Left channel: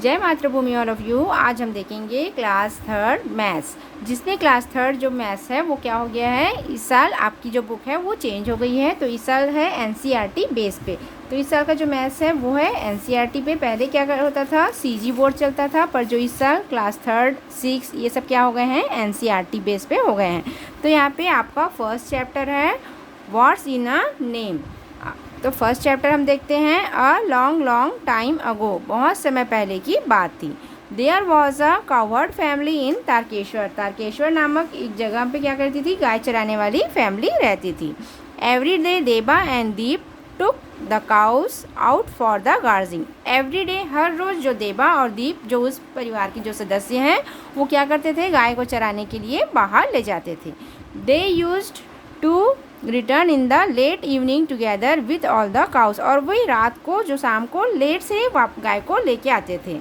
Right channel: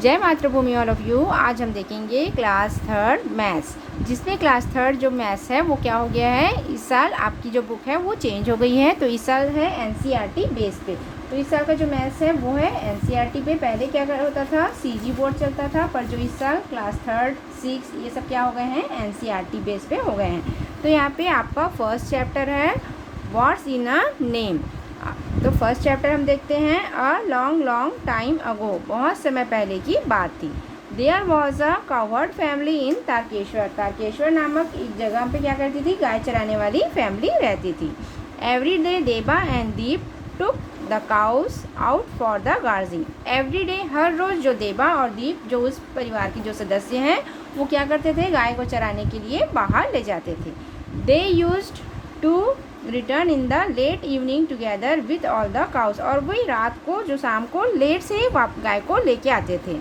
जय मातृभूमि all of you. आज हम देखेंगे क्लास थर्ड मैथ्स, जिसमें क्लास थर्ड जो मैथ्स है वो क्या हो गया है, इस साल आपकी जो बुक है वो चेंज हो गई है। तो इस साल है एनसीईआरटी बेस पे। तो इस साल का जो मैथ्स है वो है एनसीईआरटी पे। पहले क्या होता था, सीजी बोर्ड चलता था, पर जो इस साल क्लास थर्ड सिक्स ये सब क्या हो गए हैं, एनसीईआरटी बेस पे हो गए हैं। तो यहाँ पे आपका फर्स्ट चैप्टर है व्हाट्स इन अ नेम। तो फर्स्ट चैप्टर हम देखते हैं। A long long time ago, बहुत समय पहले की बात थी। There was a coward family in Tarakeshwar. Tarakeshwar नामक एक जगह पे क्या करती थी, गाय चराने वाली फैमिली रहती थी। Every day Deba and Deep took the cows out for the grazing. Every day, हर रोज़ जो देबा और दीप जो उस परिवार के जो सदस्य हैं वो क्या करते थे, गाय को चराने के लिए बाहर ले जाते थे। They used to return in the late evening together with all the cows. और वही रात को जो शाम को लेट से गाय को लेके आते थे।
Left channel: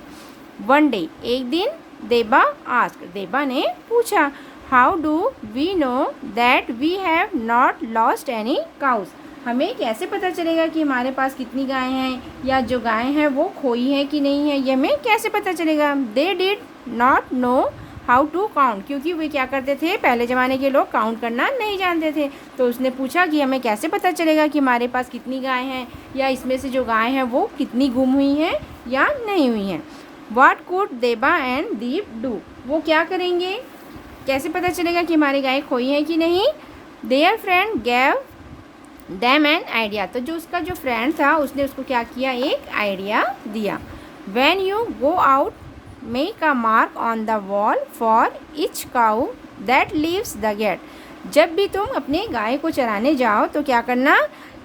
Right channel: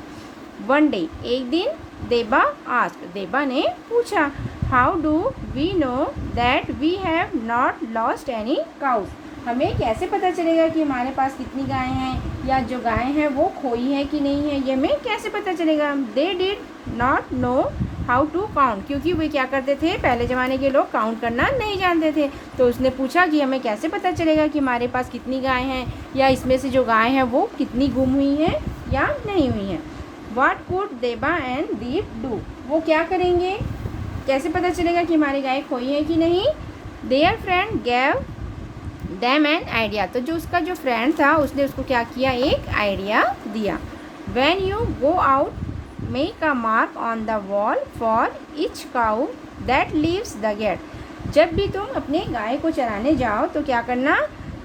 वन डे, एक दिन, देबा आस्क्ड, देबा ने पूछा, how do we know that we have not lost any cows. हमें कैसे पता चलेगा कि हमारे पास कितनी गायें हैं, या जो गायें हैं वो खोई है कि नहीं है, ये हमें कैसे पता चलेगा। They did not know how to count, क्योंकि वे क्या करते थे, पहले ज़माने के लोग काउंट करना नहीं जानते थे। तो उसने पूछा कि हमें कैसे पता चलेगा कि हमारे पास कितनी गाय हैं, या इसमें से जो गाय हैं वो कितनी गुम हुई हैं या नहीं हुई हैं। व्हाट कुड देबा एंड दीप डू, वो क्या करेंगे, कैसे पता चलेगा कि हमारी गाय खोई है कि नहीं। There friend gave them an idea, तो जो उसका जो फ्रेंड था उसने उसको क्या किया, एक आइडिया दिया। When you go out make a mark on the wall for each cow that leaves the gate. जब भी तुम अपने गाय को चराने जाओ तो क्या करना,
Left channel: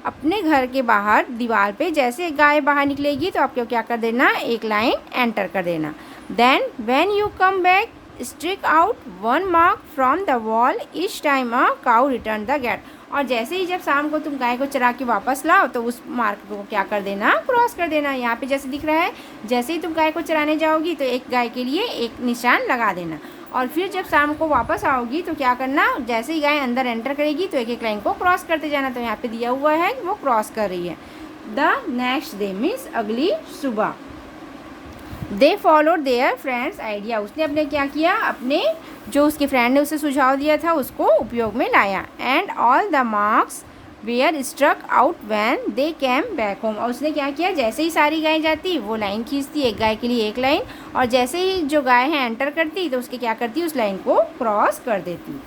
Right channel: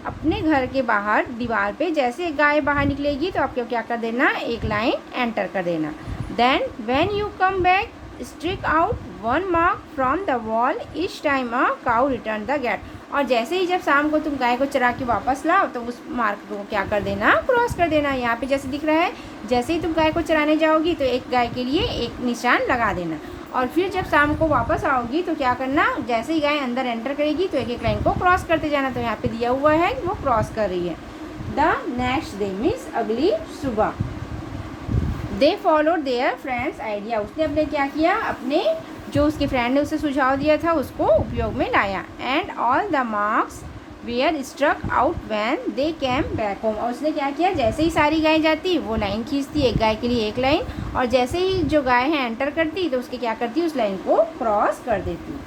अपने घर के बाहर दीवार पे जैसे गाय बाहर निकलेगी तो आपको क्या कर देना, एक लाइन एंटर कर देना। Then when you come back strike out one mark from the wall each time a cow return the gate. और जैसे ही जब शाम को तुम गाय को चरा के वापस लाओ तो उस मार्क को क्या कर देना, क्रॉस कर देना। यहाँ पे जैसे दिख रहा है, जैसे ही तुम गाय को चराने जाओगी तो एक गाय के लिए एक निशान लगा देना। और फिर जब शाम को वापस आओगी तो क्या करना, जैसे ही गाय अंदर एंटर करेगी तो एक एक लाइन को क्रॉस करते जाना। तो यहाँ पे दिया हुआ है वो क्रॉस कर रही है। द नेक्स्ट डे मीन्स अगली सुबह। They followed their friends idea, उसने अपने क्या किया, अपने जो उसके फ्रेंड ने उसे सुझाव दिया था उसको उपयोग में लाया। And all the marks were struck out when they came back home. और उसने क्या किया, जैसे ही सारी गाय जाती वो लाइन खींचती, एक गाय के लिए एक लाइन, और जैसे ही जो गाय है एंटर करती तो उसके क्या करती, उस लाइन को क्रॉस कर देती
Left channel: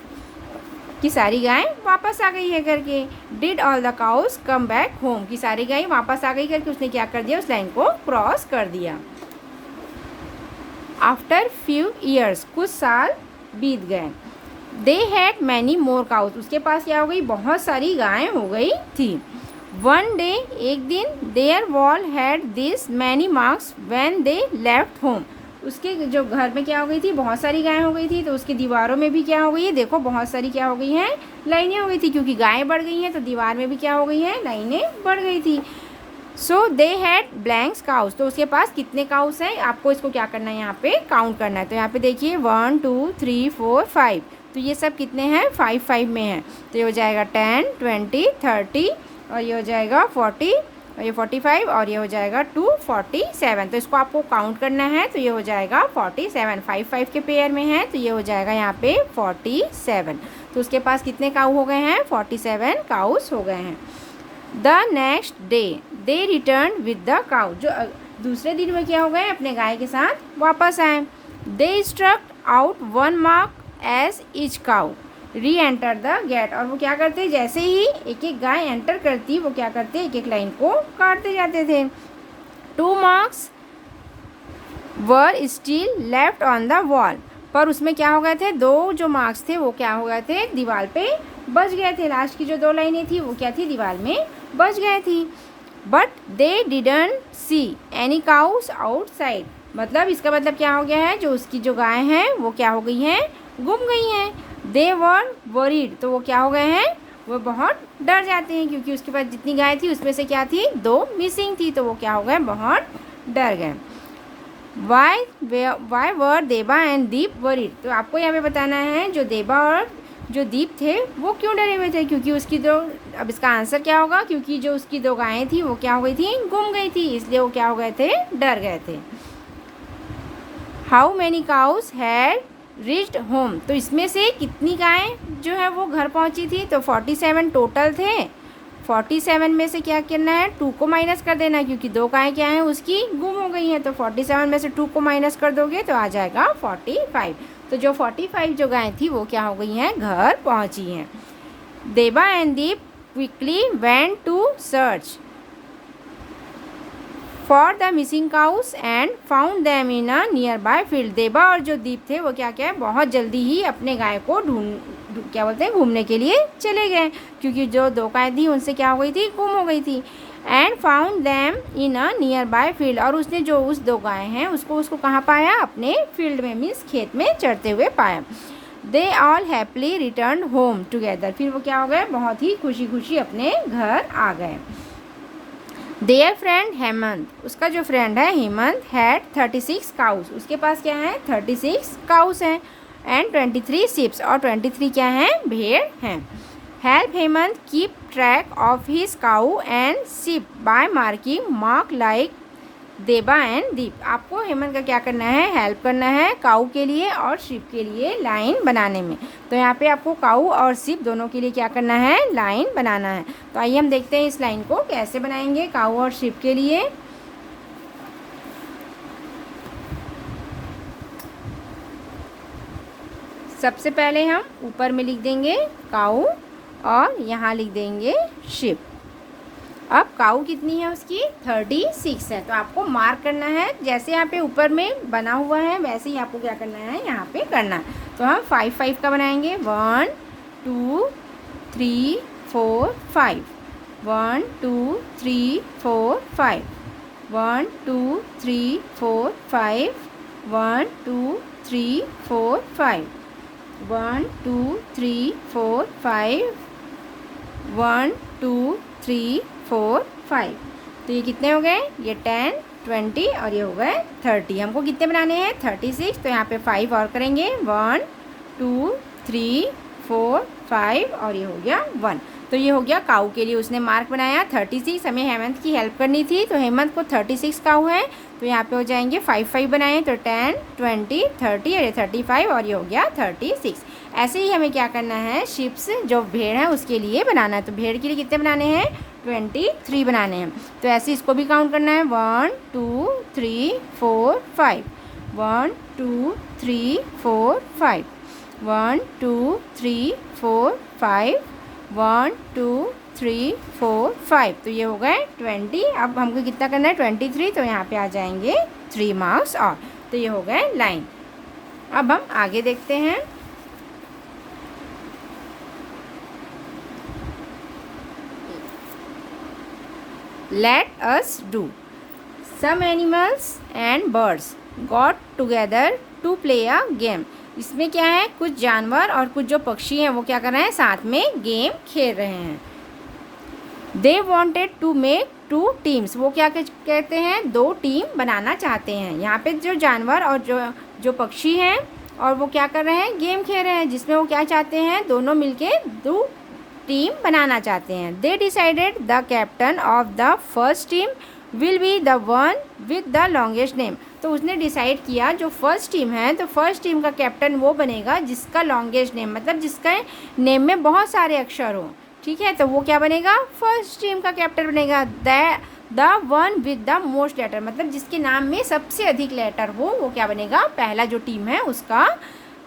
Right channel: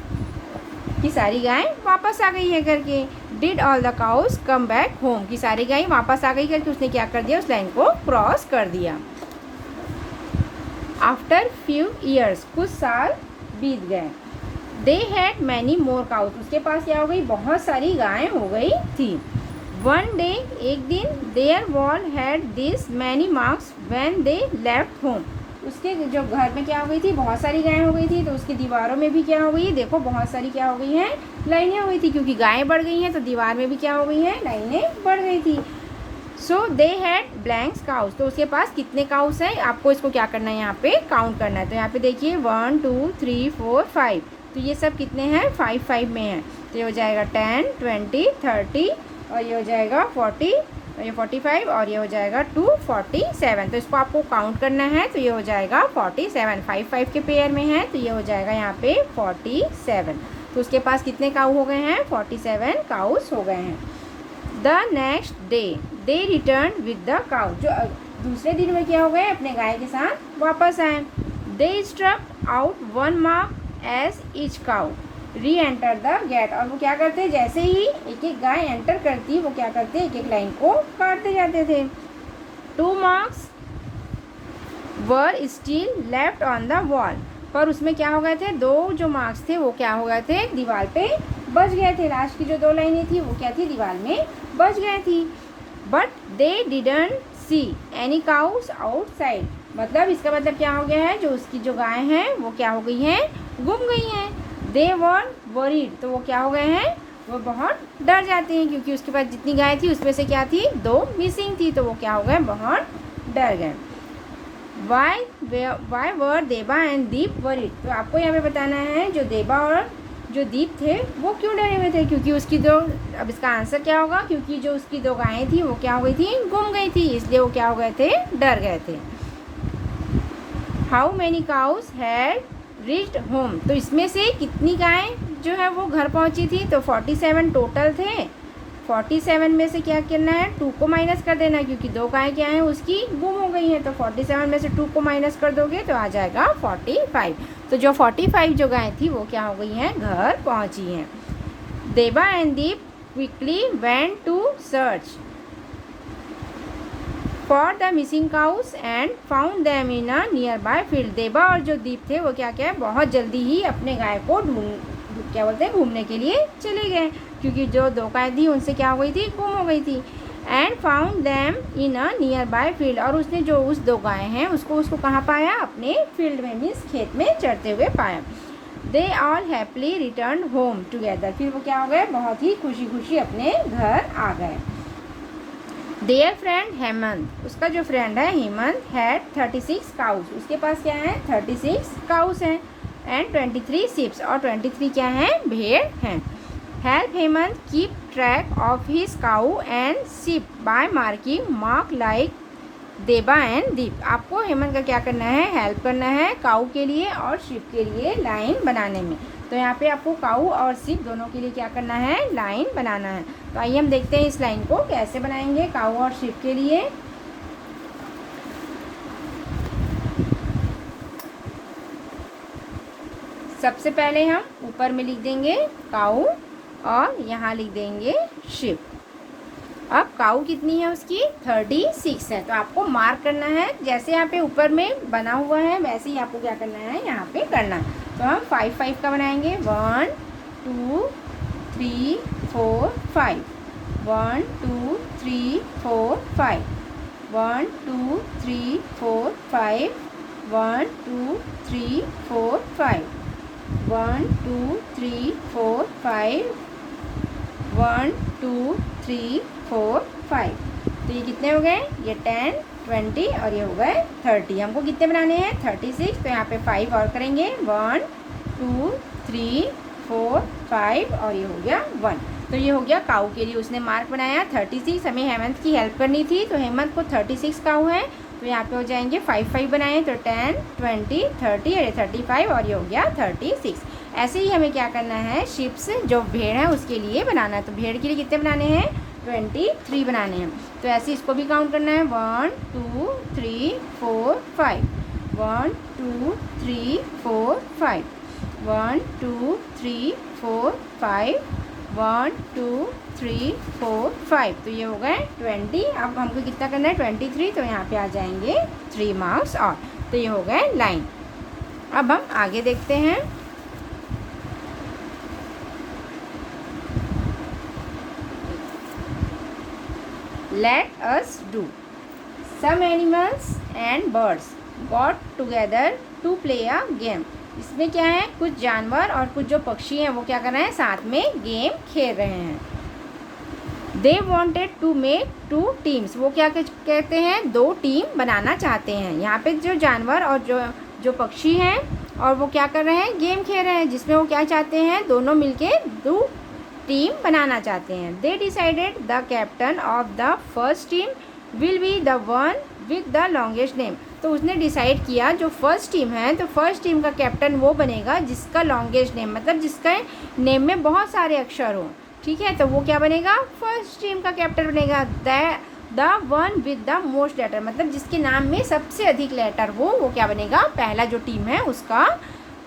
कि सारी गाय वापस आ गई है करके। Did all the cows come back home, कि सारी गाय वापस आ गई करके उसने क्या कर दिया, उस लाइन को क्रॉस कर दिया। आफ्टर फ्यू ईयर्स, कुछ साल बीत गए। They had many more cows, उसके पास क्या हो गई, बहुत सारी गायें हो गई थी। वन डे, एक दिन, their wall had this many marks when they left home. उसके जो घर में क्या हो गई थी, बहुत सारी गायें हो गई थी, तो उसकी दीवारों में भी क्या हो गई है, देखो बहुत सारी क्या हो गई हैं, लाइनें हो गई थी। क्योंकि गायें बढ़ गई हैं तो दीवार में भी क्या हो गई हैं, लाइनें बढ़ गई थी। सो दे हैड ब्लैंक्स काउस, तो उसके पास कितने काउस हैं, आपको इसको क्या करना है, यहाँ पे काउंट करना है। तो यहाँ पे देखिए 1 2 3 4 5, तो ये सब कितने हैं, 5 5 में हैं। तो ये हो जाएगा 10 20 30, और ये हो जाएगा 40, और ये 45, और ये हो जाएगा 247। तो इसको आपको काउंट करना है। तो ये हो जाएगा 47, 5 5 के पेयर में है, तो ये हो जाएगा यहाँ पे 47। तो उसके पास कितने काऊ हो गए हैं, 47 काउस हो गए हैं। The next day they return with the cow, जो दूसरे दिन में क्या हो गए, अपने गाय के साथ वापस आए। They struck out one mark as each cow re-enter the gate, और वो क्या करते, जैसे ही एक एक गाय एंटर करती वो क्या करते, एक एक लाइन को काटते जाते थे। 2 marks were still left on the wall, पर उसमें क्या हो गए थे, 2 जो मार्क्स थे वो क्या हो गए थे, दीवार पे बच गए थे। लास्ट की जो 2 लाइनें थी वो क्या थी, दीवार में बच गए थी। But they didn't see any cows outside, मतलब इसका मतलब क्या हो गया है, जो उसकी जो गाय हैं वो क्या हो गई हैं, गुम गई हैं। दे वर वरीड, तो वो क्या हो गए हैं, वो बहुत डर जाते हैं, क्योंकि उसके पास जितनी गाय थी उसमें से क्या थी, 2 मिसिंग थी, तो वो क्या हो गए, बहुत डर गए। वाई वर देबा एंड दीप वरीड, तो आपको यहाँ पे बताना है जो देबा और जो दीप थे वो क्यों डरे हुए थे, क्योंकि उसकी दो, अब इसका आंसर क्या होगा, क्योंकि जो उसकी 2 गायें थी वो क्या हो गई थी, गुम गई थी, इसलिए वो क्या हो गए थे, डर गए थे। How many cows had reached home, तो इसमें से कितनी गायें जो है वो घर पहुंची थी, तो 47 टोटल थे। 47 में से क्या करना है, 2 को माइनस कर देना, क्योंकि 2 गायें क्या हैं उसकी गुम हो गई हैं। तो 47 में से 2 को माइनस कर दोगे तो आ जाएगा 45। तो जो 45 जो गायें थी वो क्या हो गई हैं, घर पहुंची हैं। Deba and Deep quickly went to search for the missing cows and found them in a nearby field. Deba और जो दीप थे वो क्या क्या बहुत जल्दी ही अपने गाय को क्या बोलते हैं घूमने के लिए चले गए, क्योंकि जो 2 गाय थी उनसे क्या हो गई थी, गुम हो गई थी। And found them in a nearby field, और उसने जो उस 2 गाय हैं उसको कहाँ पाया, अपने फील्ड में, मीन्स खेत में चरते हुए पाया। They all happily return home together, फिर वो क्या हो गए, बहुत ही खुशी खुशी अपने घर आ गए। देयर फ्रेंड हेमंत, उसका जो फ्रेंड है हेमंत, हैड 36 काउस, उसके पास क्या है, 36 काउस हैं। एंड 23 शिप्स, और 23 क्या हैं, भेड़ हैं। Help Hemant keep track of his cow and sheep by marking mark like Deba and Deep. आपको हेमंत का क्या करना है, हेल्प करना है काऊ के लिए और शिप के लिए लाइन बनाने में। तो यहाँ पे आपको काऊ और शिप दोनों के लिए क्या करना है, लाइन बनाना है। तो आइए हम देखते हैं इस लाइन को कैसे बनाएंगे काऊ और शिप के लिए। सबसे पहले हम ऊपर में लिख देंगे काऊ और यहाँ लिख देंगे शिप। अब काऊ कितनी है उसकी, 36 है। तो आपको मार्क करना है, जैसे यहाँ पे ऊपर में बना हुआ है वैसे ही आपको क्या करना है, यहाँ पे करना। तो हम 5 का बनाएंगे, 1 2 3 4 5, 1 2 3 4 5, 1 2 3 4 5, 1 2 3 4 5, 1 2 3 4 5, 1 2 3 4 5। तो ये कितने हो गए, ये 10 20 और ये हो गए 30। हमको कितने बनाने हैं, 36। तो यहाँ पे 5 और करेंगे, 1 2 3 4 5 और ये हो गया 1। तो ये हो गया काऊ के लिए उसने मार्क बनाया 36। हमें हेमंत की हेल्प करनी थी, तो हेमंत को 36 काऊ है, तो यहाँ पे हो जाएंगे 5 बनाए, तो 10 20 30 और ये 35 और ये हो गया 36। ऐसे ही हमें क्या करना है, शिप्स जो भेड़ है उसके लिए बनाना है। तो भेड़ के लिए कितने बनाने हैं, 23 बनाने हैं। तो ऐसे इसको भी काउंट करना है, 1 2 3 4 5, 1 2 3 4 5, 1 2 3 4 5, 1 2 3 4 5। तो ये हो गए 20। अब हमको कितना करना है, 23। तो यहाँ पे आ जाएंगे 3 मार्क्स और। तो ये हो गए लाइन। अब हम आगे देखते हैं। Let us do. Some animals and birds got together to play a game. इसमें क्या है, कुछ जानवर और कुछ जो पक्षी हैं वो क्या कर रहे हैं, साथ में गेम खेल रहे हैं। They wanted to make 2 teams, वो क्या कहते हैं, 2 टीम बनाना चाहते हैं। यहाँ पे जो जानवर और जो पक्षी हैं और वो क्या कर रहे हैं, गेम खेल रहे हैं, जिसमें वो क्या चाहते हैं, दोनों मिलके 2 टीम बनाना चाहते हैं। They decided the captain of the first team will be the one with the longest name. तो उसने डिसाइड किया जो फर्स्ट टीम है, तो फर्स्ट टीम का कैप्टन वो बनेगा जिसका लॉन्गेस्ट नेम, मतलब जिसका नेम में बहुत सारे अक्षर हो। ठीक है, तो वो क्या बनेगा, फर्स्ट टीम का कैप्टन बनेगा। The one with the most letter, मतलब जिसके नाम में सबसे अधिक लेटर हो वो क्या बनेगा, पहला जो टीम है उसका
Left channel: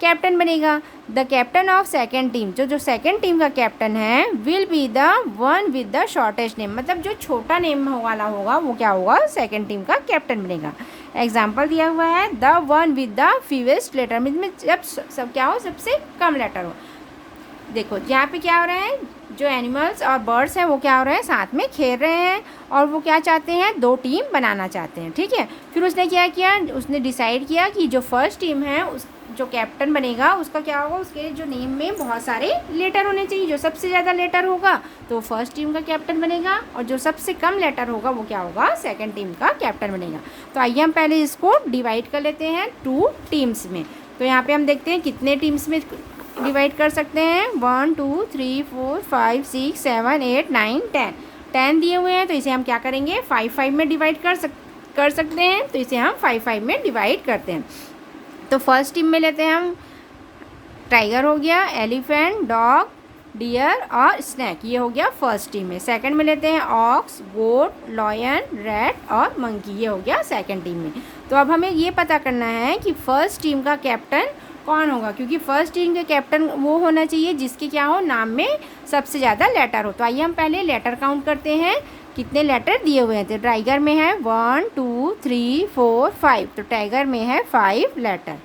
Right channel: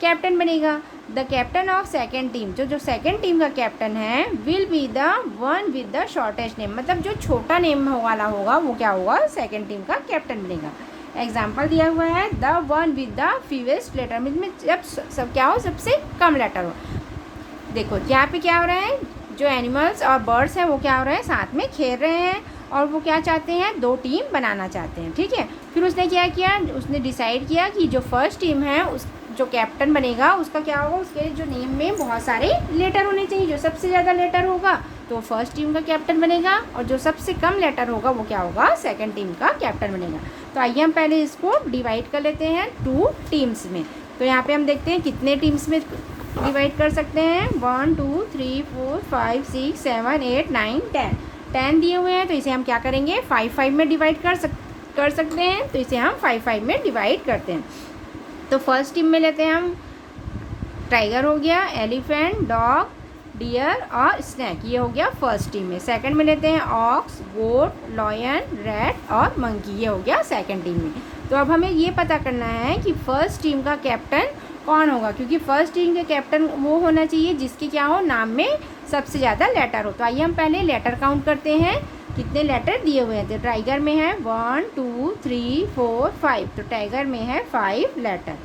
कैप्टन बनेगा। The captain of second team, जो सेकेंड टीम का कैप्टन है, will be the one with the shortest name, मतलब जो छोटा नेम वाला होगा वो क्या होगा, सेकेंड टीम का कैप्टन बनेगा। एग्जाम्पल दिया हुआ है, the one with the fewest letter, में जब सब क्या हो, सबसे कम लेटर हो। देखो यहाँ पे क्या हो रहा है, जो एनिमल्स और बर्ड्स हैं वो क्या हो रहे हैं, साथ में खेल रहे हैं और वो क्या चाहते हैं, 2 टीम बनाना चाहते हैं। ठीक है, फिर उसने क्या किया, उसने डिसाइड किया कि जो फर्स्ट टीम है उस जो कैप्टन बनेगा उसका क्या होगा, उसके जो नेम में बहुत सारे लेटर होने चाहिए। जो सबसे ज़्यादा लेटर होगा तो फर्स्ट टीम का कैप्टन बनेगा, और जो सबसे कम लेटर होगा वो क्या होगा, सेकंड टीम का कैप्टन बनेगा। तो आइए हम पहले इसको डिवाइड कर लेते हैं 2 टीम्स में। तो यहाँ पे हम देखते हैं कितने टीम्स में डिवाइड कर सकते हैं, 1 2 3 4 5 6 7 8 9 10 दिए हुए हैं। तो इसे हम क्या करेंगे, 5 में डिवाइड कर सकते हैं। तो इसे हम 5 में डिवाइड करते हैं। तो फर्स्ट टीम में लेते हैं हम टाइगर हो गया, एलिफेंट, डॉग, डियर और स्नैक, ये हो गया फर्स्ट टीम में। सेकंड में लेते हैं ऑक्स, गोट, लॉयन, रैट और मंकी, ये हो गया सेकंड टीम में। तो अब हमें ये पता करना है कि फर्स्ट टीम का कैप्टन कौन होगा, क्योंकि फर्स्ट टीम के कैप्टन वो होना चाहिए जिसके क्या हो, नाम में सबसे ज़्यादा लेटर हो। तो आइए हम पहले लेटर काउंट करते हैं, कितने लेटर दिए हुए हैं। तो टाइगर में है 1 2 3 4 5, तो टाइगर में है 5 लेटर।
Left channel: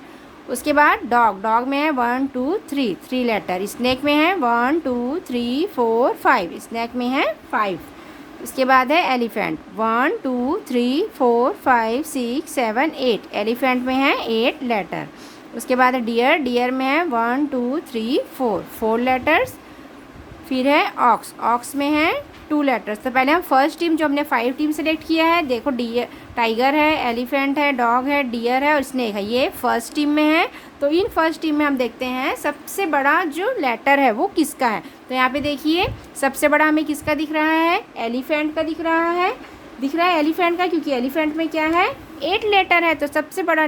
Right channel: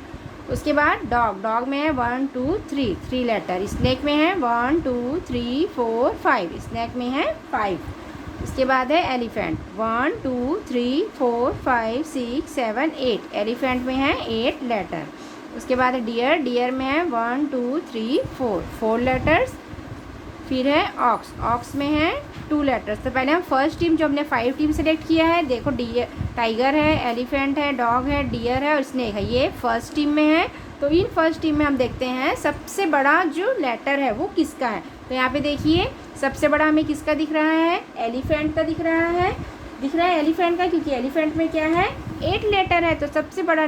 उसके बाद डॉग में है 1 2 3 3 लेटर। स्नैक में है 1 2 3 4 5, स्नैक में है 5। उसके बाद है एलिफेंट 1 2 3 4 5 6 7 8, एलिफेंट में है 8 लेटर। उसके बाद है डियर में है 1 2 3 4 4 लेटर्स। फिर है ऑक्स में है 2 लेटर्स। तो पहले हम फर्स्ट टीम जो हमने 5 टीम सेलेक्ट किया है, देखो टाइगर है, एलिफेंट है, डॉग है, डियर है और स्नेक है, ये फर्स्ट टीम में है। तो इन फर्स्ट टीम में हम देखते हैं सबसे बड़ा जो लेटर है वो किसका है। तो यहाँ पे देखिए सबसे बड़ा हमें किसका दिख रहा है, एलिफेंट का दिख रहा है एलिफेंट का, क्योंकि एलिफेंट में क्या है 8 लेटर है। तो सबसे बड़ा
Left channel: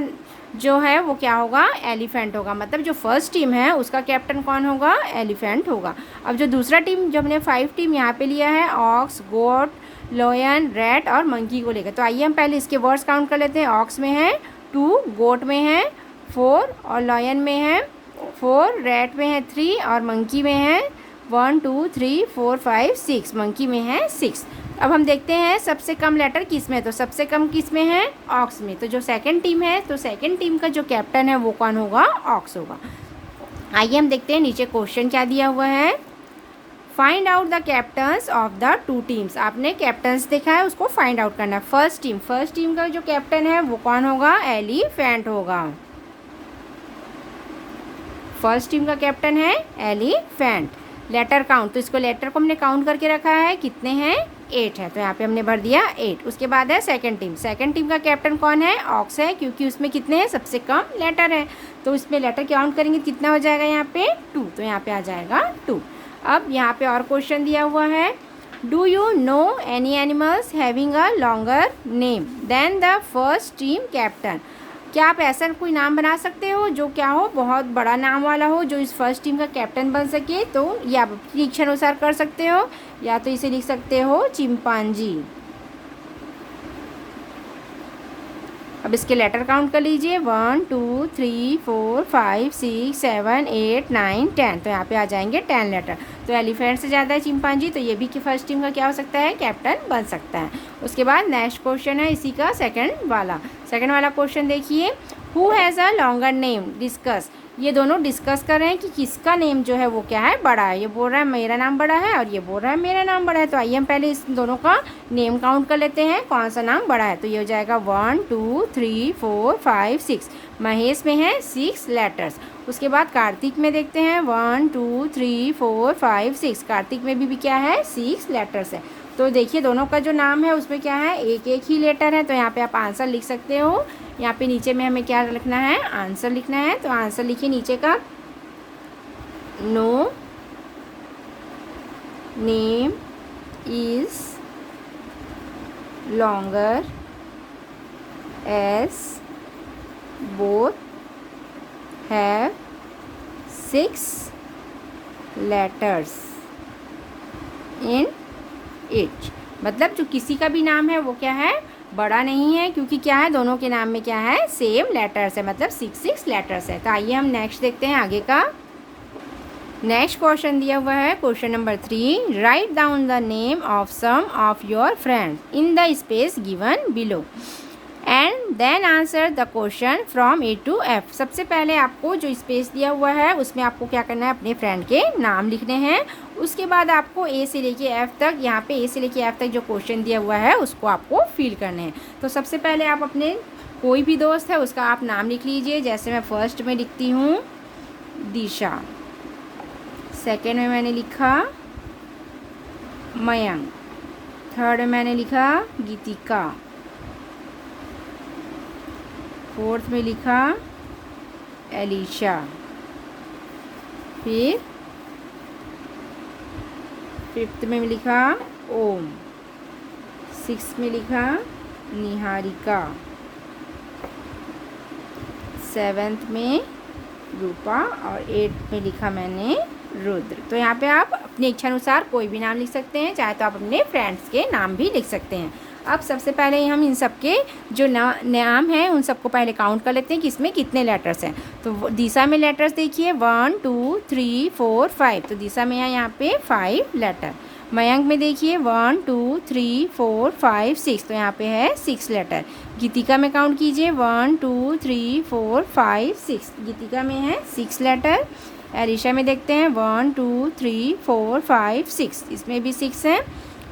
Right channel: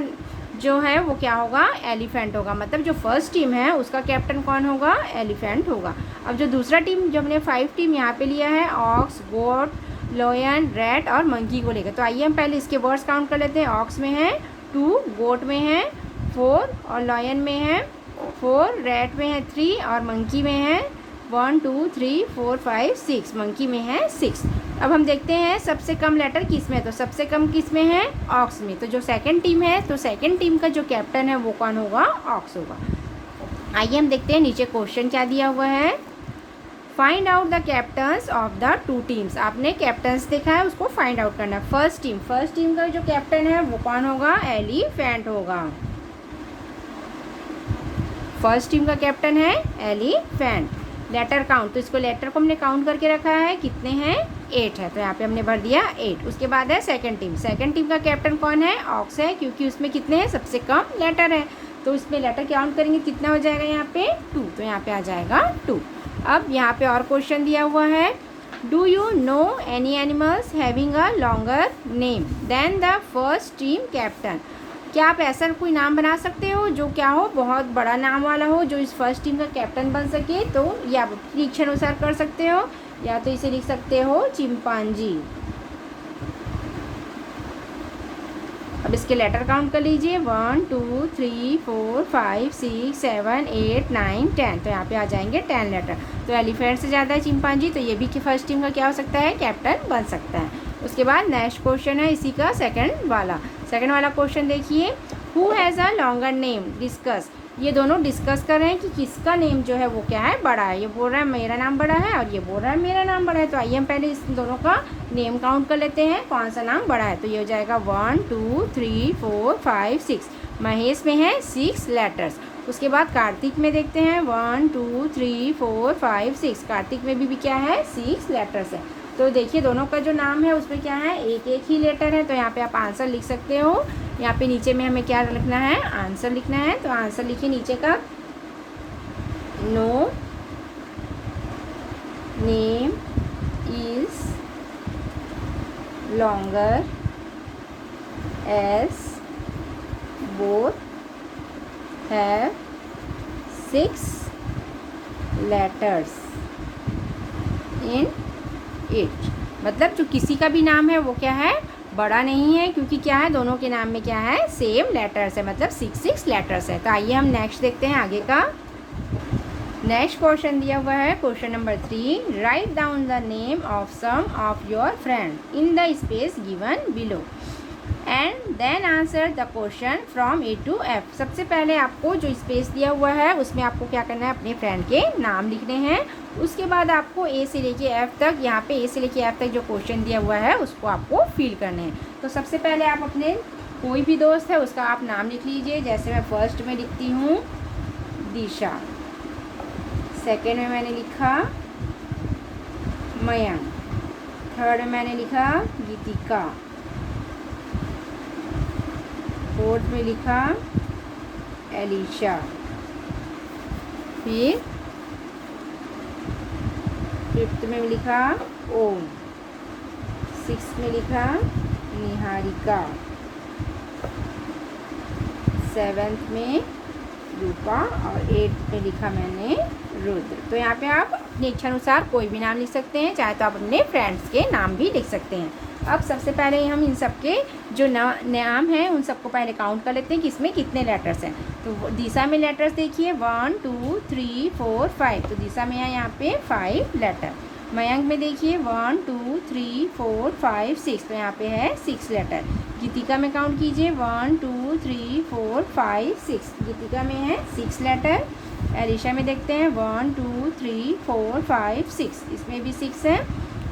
जो है वो क्या होगा, एलिफेंट होगा। मतलब जो फर्स्ट टीम है उसका कैप्टन कौन होगा, एलिफेंट होगा। अब जो दूसरा टीम जो हमने 5 टीम यहाँ पे लिया है, ऑक्स, गोट, लॉयन, रैट और मंकी को लेकर। तो आइए हम पहले इसके वर्ड्स काउंट कर लेते हैं। ऑक्स में है 2, गोट में है 4 और लॉयन में है 4, रैट में है 3 और मंकी में है 1 2 3 4 5 6, मंकी में है 6। अब हम देखते हैं सबसे कम लेटर किस में है। तो सबसे कम किस में है, ऑक्स में। तो जो सेकंड टीम है, तो सेकंड टीम का जो कैप्टन है वो कौन होगा, ऑक्स होगा। आइए हम देखते हैं नीचे क्वेश्चन क्या दिया हुआ है। Find out the captains of the 2 teams. आपने कैप्टन्स देखा है, उसको फाइंड आउट करना है। फर्स्ट टीम का जो कैप्टन है वो कौन होगा, एलिफेंट होगा। फर्स्ट टीम का कैप्टन है एलिफेंट। लेटर काउंट, तो इसको लेटर को हमने काउंट करके रखा है, कितने हैं 8 है, तो यहाँ पे हमने भर दिया 8। उसके बाद है सेकंड टीम का कैप्टन कौन है, ऑक्स है, क्योंकि उसमें कितने हैं, सबसे कम लेटर है। तो इसमें लेटर काउंट करेंगे कितना हो जाएगा यहाँ पे 2, तो यहाँ पे आ जाएगा 2। अब यहाँ पे और क्वेश्चन दिया हुआ है, do you know any animals having a longer name than the first team captain. क्या आप ऐसा कोई नाम बना सकते हो जो क्या हो, बहुत बड़ा नाम वाला हो, जो इस फर्स्ट टीम का कैप्टन बन सके। तो या आप अपनी इच्छा अनुसार कर सकते हो, या तो इसे लिख सकते हो चिंपांजी। अब इसके लेटर काउंट कर लीजिए 1 2 3 4 5 6 7 8 9 10, तो यहाँ पे आ जाएंगे 10 लेटर। तो एलिफेंट से ज़्यादा है चिंपांजी, तो ये भी कि फर्स्ट टीम का क्या हो सकता है, कैप्टन बन सकता है। उसके बाद नेक्स्ट क्वेश्चन है इसी का सेकंड वाला क्वेश्चन देखिए, who has a longer name discuss. ये दोनों डिस्कस कर रहे हैं कि किसका नेम जो है वो क्या है, बड़ा है। ये बोल रहा है मेरा नाम बड़ा है और ये बोल रहा है मेरा नाम बड़ा है। तो आइए हम पहले इस दोनों का नेम काउंट कर लेते हैं, कौन सा नाम बड़ा है। तो ये हो जाएगा 1 2 3 4 5 6, महेश में है 6 लेटर्स। उसके बाद कार्तिक में देखते हैं 1 2 3 4 5 6, कार्तिक में भी क्या है 6 लेटर्स है। तो देखिए दोनों का जो नाम है उसमें क्या है, एक ही लेटर है। तो यहाँ पे आप आंसर लिख सकते हो। यहाँ पे नीचे में हमें क्या लिखना है, आंसर लिखना है। तो आंसर लिखिए नीचे का, no name is longer as both have 6 letters in it. मतलब जो किसी का भी नाम है वो क्या है, बड़ा नहीं है, क्योंकि क्या है, दोनों के नाम में क्या है, सेम लेटर्स है, मतलब 6 लेटर्स है। तो आइए हम नेक्स्ट देखते हैं आगे का। नेक्स्ट क्वेश्चन दिया हुआ है, question number 3, write down the name of some of your friend in the space given below and then answer the question from A to F। सबसे पहले आपको जो स्पेस दिया हुआ है उसमें आपको क्या करना है, अपने फ्रेंड के नाम लिखने हैं। उसके बाद आपको A से लेके F तक, यहाँ पे A से लेके F तक जो क्वेश्चन दिया हुआ है उसको आपको फिल करने हैं। तो सबसे पहले आप अपने कोई भी दोस्त है उसका आप नाम लिख लीजिए। जैसे मैं फर्स्ट में लिखती हूँ दिशा, सेकेंड में मैंने लिखा मयंक, थर्ड में मैंने लिखा गीतिका, फोर्थ में लिखा एलिशा, फिर फिफ्थ में लिखा ओम, सिक्स्थ में लिखा निहारिका, 7th में रूपा और 8th में लिखा मैंने रुद्र। तो यहाँ पे आप अपनी इच्छा अनुसार कोई भी नाम लिख सकते हैं, चाहे तो आप अपने फ्रेंड्स के नाम भी लिख सकते हैं। अब सबसे पहले हम इन सब के जो नाम हैं उन सबको पहले काउंट कर लेते हैं कि इसमें कितने लेटर्स हैं। तो दिशा में लेटर्स देखिए 1 2 3 4 5, तो दिशा में है यहाँ पे 5 लेटर। मयंक में देखिए 1 2 3 4 5 6, तो यहाँ पे है 6 लेटर। गीतिका में काउंट कीजिए 1 2 3 4 5 6, गीतिका में है 6 लेटर। एलिशा में देखते हैं 1 2 3 4 5 6, इसमें भी 6 है।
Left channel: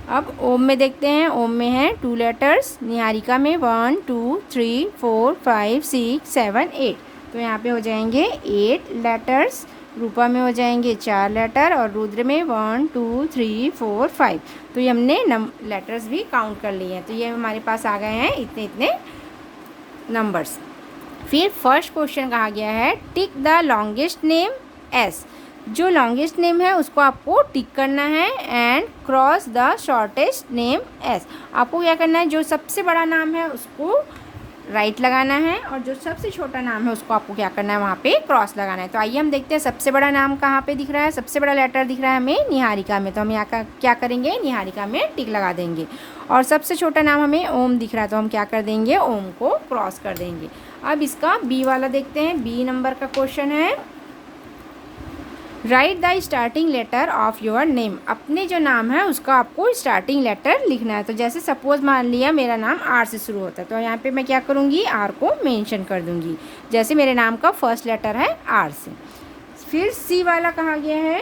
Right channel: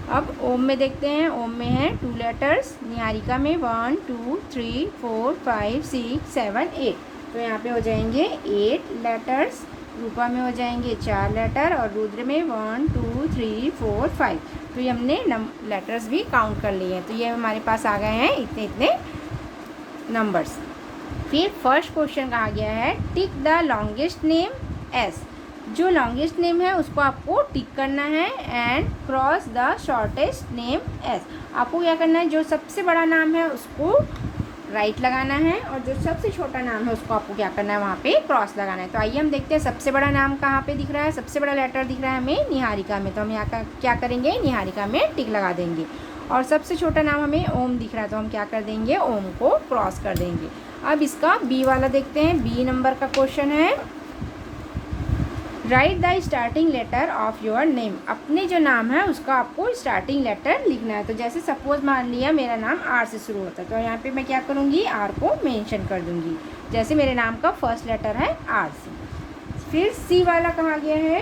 अब ओम में देखते हैं, ओम में है 2 लेटर्स। निहारिका में 1 2 3 4 5 6 7 8, तो यहाँ पे हो जाएंगे 8 लेटर्स। रूपा में हो जाएंगे 4 लेटर और रुद्र में 1 2 3 4 5। तो ये हमने लेटर्स भी काउंट कर लिए हैं। तो ये हमारे पास आ गए हैं इतने इतने नंबर्स। फिर फर्स्ट क्वेश्चन कहा गया है tick the longest name S. जो लॉन्गेस्ट नेम है उसको आपको टिक करना है and cross the shortest name S. आपको क्या करना है, जो सबसे बड़ा नाम है उसको राइट लगाना है और जो सबसे छोटा नाम है उसको आपको क्या करना है, वहाँ पे क्रॉस लगाना है। तो आइए हम देखते हैं सबसे बड़ा नाम कहाँ पे दिख रहा है। सबसे बड़ा लेटर दिख रहा है हमें निहारिका में, तो हम यहाँ का क्या करेंगे, निहारिका में टिक लगा देंगे। और सबसे छोटा नाम हमें ओम दिख रहा है, तो हम क्या कर देंगे, ओम को क्रॉस कर देंगे। अब इसका बी वाला देखते हैं। बी नंबर का क्वेश्चन है write the starting letter of your name. अपने जो नाम है उसका आपको स्टार्टिंग लेटर लिखना है। तो जैसे सपोज मान लिया मेरा नाम आर से शुरू होता है, तो यहाँ पे मैं क्या करूँगी, आर को मेंशन कर दूँगी। जैसे मेरे नाम का फर्स्ट लेटर है आर से। फिर सी वाला कहा गया है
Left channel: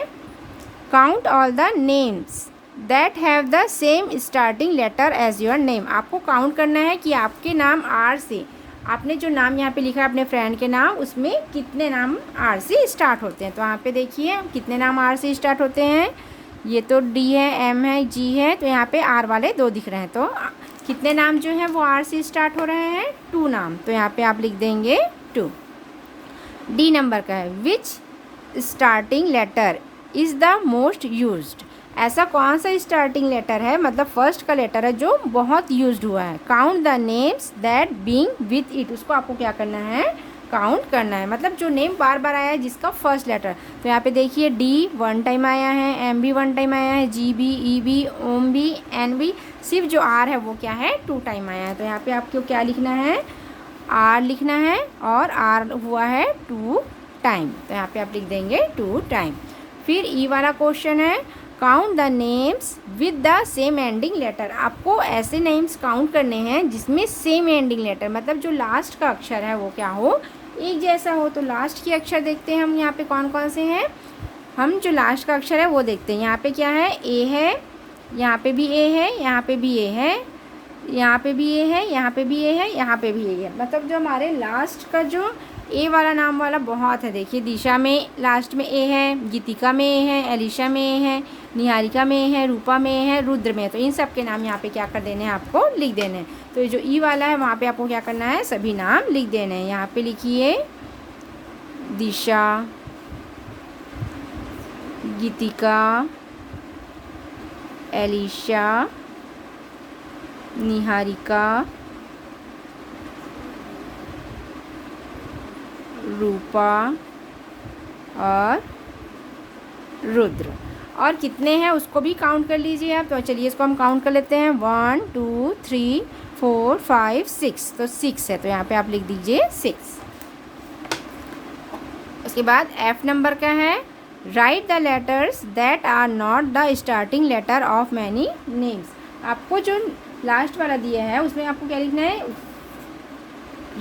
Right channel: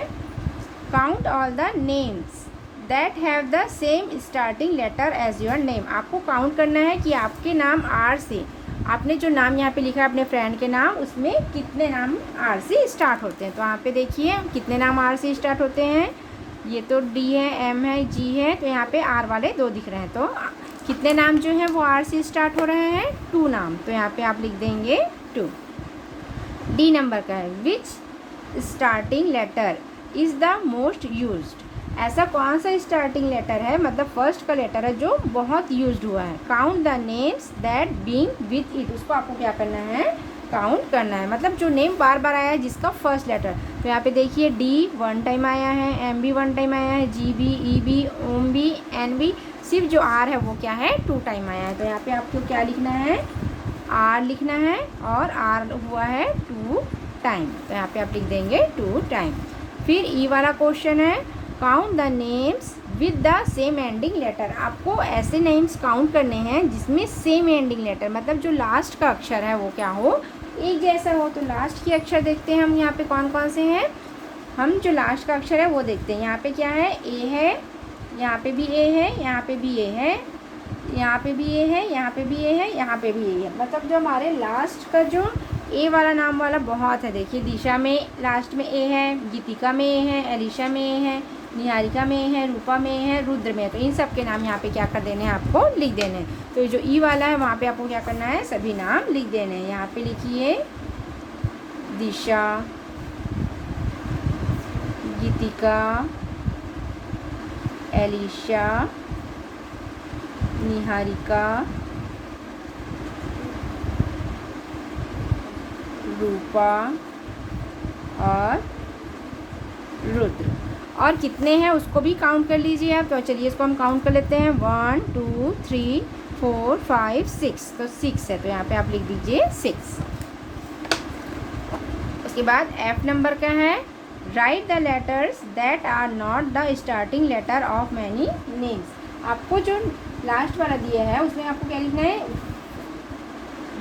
count all the names that have the same starting letter as your name. आपको काउंट करना है कि आपके नाम आर से, आपने जो नाम यहाँ पे लिखा है अपने फ्रेंड के नाम, उसमें कितने नाम आर से स्टार्ट होते हैं। तो यहाँ पे देखिए कितने नाम आर से स्टार्ट होते हैं। ये तो डी है, एम है, जी है, तो यहाँ पे आर वाले 2 दिख रहे हैं। तो कितने नाम जो है वो आर से स्टार्ट हो रहे हैं, 2 नाम। तो यहाँ पे आप लिख देंगे 2। डी नंबर का है which starting letter is the most used. ऐसा कौन सा स्टार्टिंग लेटर है, मतलब फर्स्ट का लेटर है जो बहुत यूज्ड हुआ है। Count the names that being with it. उसको आपको क्या करना है, काउंट करना है, मतलब जो नेम बार बार आया है जिसका फर्स्ट लेटर। तो यहाँ पे देखिए डी 1 टाइम आया है, एम भी 1 टाइम आया है, जी भी, ई भी, ओम भी, एन भी। सिर्फ जो आर है वो क्या है, 2 टाइम आया है। तो यहाँ पे आपको क्या लिखना है, आर लिखना है और आर हुआ है 2 टाइम। तो यहाँ पे आप लिख देंगे 2 टाइम। फिर ई वाला क्वेश्चन है count the names with the same ending letter. आपको ऐसे नेम्स काउंट करने हैं जिसमें सेम एंडिंग लेटर, मतलब जो लास्ट का अक्षर है वो क्या हो, एक जैसा हो। तो लास्ट के अक्षर देखते हैं हम यहाँ पे कौन कौन से हैं। हम जो लास्ट का अक्षर है वो देखते हैं। यहाँ पे क्या है, ए है, यहाँ पे भी ए है, यहाँ पे भी ए है, यहाँ पे भी ए है, यहाँ पे भी ए है, यहाँ पे भी ए है। मतलब जो हमारे लास्ट का जो ए वाला नाम वाला बहुत है। देखिए दिशा में लास्ट में ए है, गीतिका में ए है, एलिशा में ए है, निहारिका में ए है, रूपा में ए है, रुद्र में है। तो इन सब के नाम यहाँ पे क्या कर देने हैं, आपको लिख देने हैं। तो जो ई वाला है वहाँ पे आपको क्या करना है, सभी नाम लिख देने हैं। यहाँ पे लिखिए दिशा, गीतिका, एलिशा, निहारिका, रूपा और रुद्र। और कितने हैं उसको भी काउंट कर लीजिए आप। तो चलिए इसको हम काउंट कर लेते हैं 1 2 3 4 5 6। तो 6 है, तो यहाँ पे आप लिख दीजिए 6। उसके बाद एफ नंबर का है write the letters that are not the starting letter of many names. आपको जो लास्ट वाला दिया है उसमें आपको क्या लिखना है,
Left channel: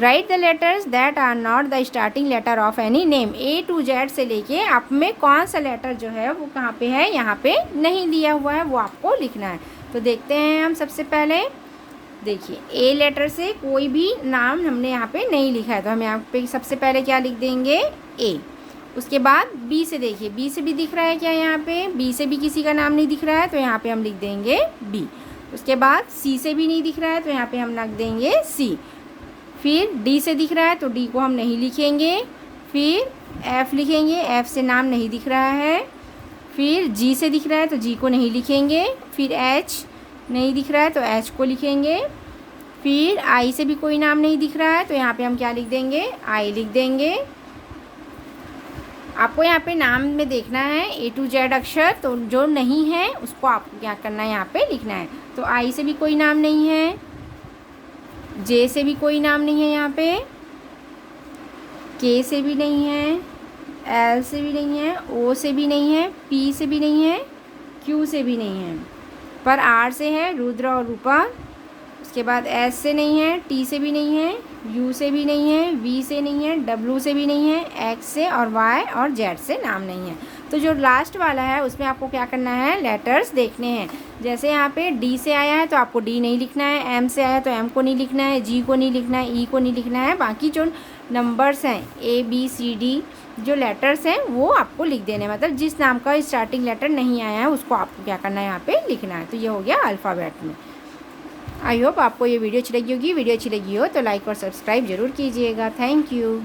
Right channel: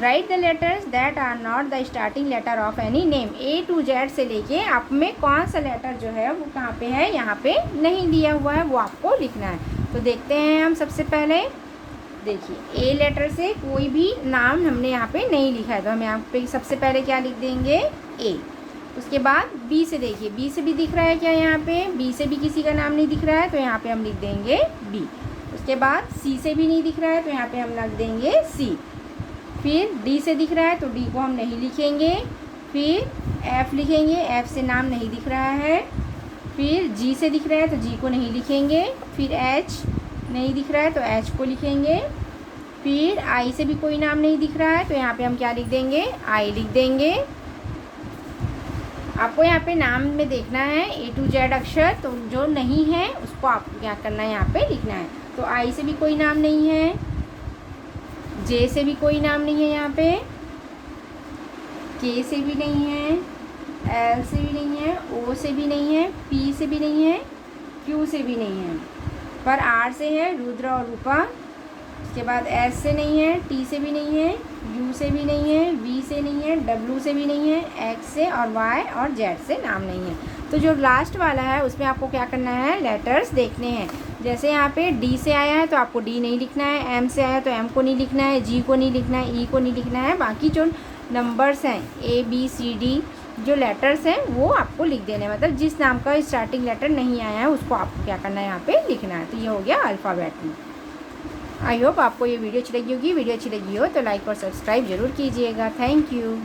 write the letters that are not the starting letter of any name. A to Z से लेके आप में कौन सा लेटर जो है वो कहाँ पे है, यहाँ पे नहीं दिया हुआ है, वो आपको लिखना है। तो देखते हैं हम सबसे पहले, देखिए ए लेटर से कोई भी नाम हमने यहाँ पे नहीं लिखा है, तो हम यहाँ पे सबसे पहले क्या लिख देंगे, ए। उसके बाद बी से देखिए, बी से भी दिख रहा है क्या, यहाँ पे बी से भी किसी का नाम नहीं दिख रहा है, तो यहाँ पे हम लिख देंगे बी। उसके बाद सी से भी नहीं दिख रहा है, तो यहाँ पे हम लिख देंगे सी। फिर डी से दिख रहा है तो डी को हम नहीं लिखेंगे। फिर एफ़ लिखेंगे, एफ़ से नाम नहीं दिख रहा है। फिर जी से दिख रहा है तो जी को नहीं लिखेंगे। फिर एच नहीं दिख रहा है तो एच को लिखेंगे। फिर आई से भी कोई नाम नहीं दिख रहा है, तो यहाँ पे हम क्या लिख देंगे, आई लिख देंगे। आपको यहाँ पे नाम में देखना है A to Z अक्षर, तो जो नहीं है उसको आपको क्या करना है, यहाँ पे लिखना है। तो आई से भी कोई नाम नहीं है, जे से भी कोई नाम नहीं है, यहाँ पे के से भी नहीं है, एल से भी नहीं है, ओ से भी नहीं है, पी से भी नहीं है, क्यू से भी नहीं है, पर आर से है, रुद्र और रूपा। उसके बाद एस से नहीं है, टी से भी नहीं है, यू से भी नहीं है, वी से नहीं है, डब्ल्यू से भी नहीं है, एक्स से और वाई और जेड से नाम नहीं है। तो जो लास्ट वाला है उसमें आपको क्या करना है, लेटर्स देखने हैं। जैसे यहाँ पे डी से आया है तो आपको डी नहीं लिखना है, एम से आया तो एम को नहीं लिखना है, जी को नहीं लिखना है, ई को नहीं लिखना है। बाकी जो नंबर्स हैं ABCD जो लेटर्स हैं वो आपको लिख देने, मतलब जिस नाम का स्टार्टिंग लेटर नहीं आया है उसको आपको क्या करना है, यहाँ पे लिखना है। तो ये हो गया अल्फ़ाबेट में। आई होप आपको ये वीडियो अच्छी लगी होगी। वीडियो अच्छी लगी हो तो लाइक और सब्सक्राइब ज़रूर कीजिएगा। Thank you.